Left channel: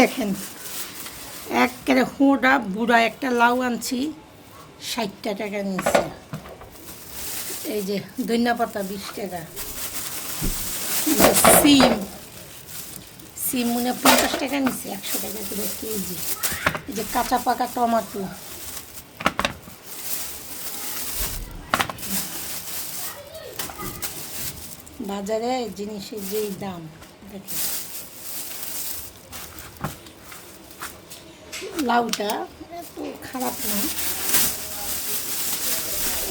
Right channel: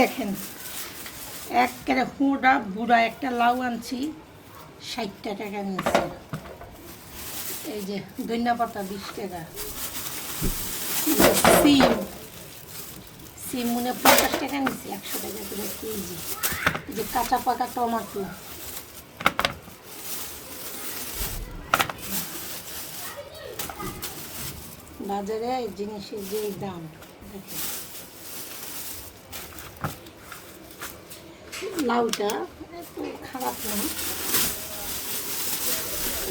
দেখেন, একেবারে হোঁড়া বুড়া একটা লাউ আনছি, ষাটটা টাকা নিয়েছে। এই যে ধনিয়া পাতা বিশ টাকা। সিম সিম মনে পঞ্চাশ টাকা নিচ্ছে একশো টাকা করে কেজি। এই যে কাঁচা পাকা টমাটো। বাজারে জিনিসের যেই দাম, দেখেন। লাউটা খারাপ না।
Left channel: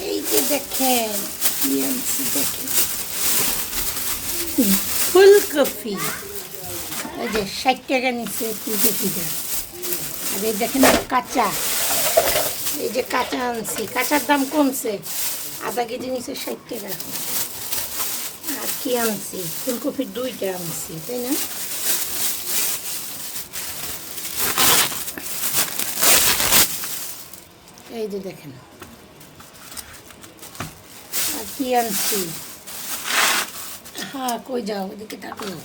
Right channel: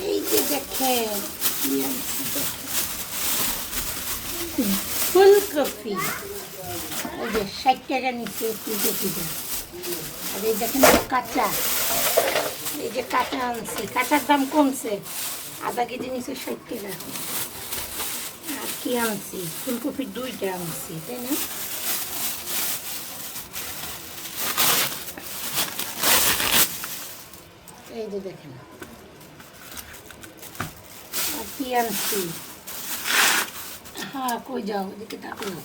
এই যে দেখেন দেখেন। ফুলকপি। এই যে ষাট টাকা নিচ্ছে ফুলকপিটা। আর এই দেখেন কাঁচা। এই যে কাঁচা আনছি। কাঁচার দাম কমছে। আধা কেজি নিচ্ছে ষাট টাকা। আর কি আনছি? ফুলকপির দুইটা আনছি, তাই না? এই যে দেখেন। আর কি আনছি? হ্যাঁ কই যাও? এদিকে ডাকলাম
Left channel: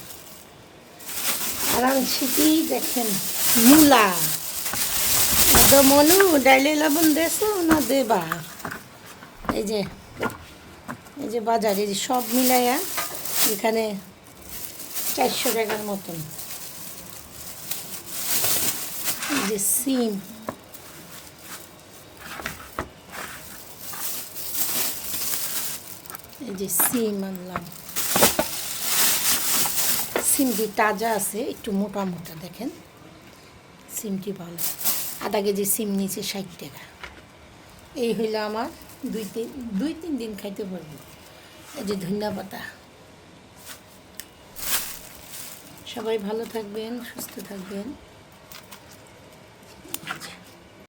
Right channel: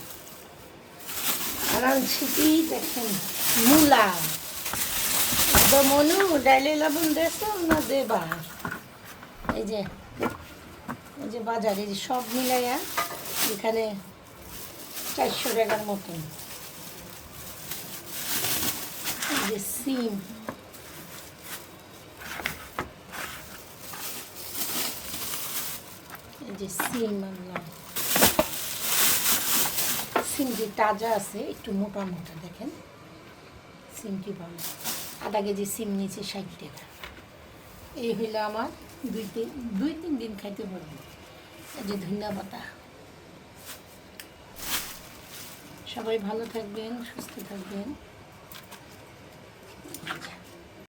আর আনছি কি? দেখেন, মূলা। মনু, ডাইলে লবণ দেছো না দেবা? এই যে এই যে বাজার, এই যে সব মিলাইয়া এখানে চারশো টাকার মতন। এই যে সিম। যে সিম আনলাম। সিমটি তাজা আছে, একটু মোটা মোটা দেখেন। সিমটি ভালো। আধা কেজি সিম নিয়েছে ষাট টাকা। এই হইল আমার দুই তিন দুই তিন দিন খাইতে পারব। এই যে ধনিয়া পাতা। সবাই ভালো থাকবেন, সুস্থ থাকবেন।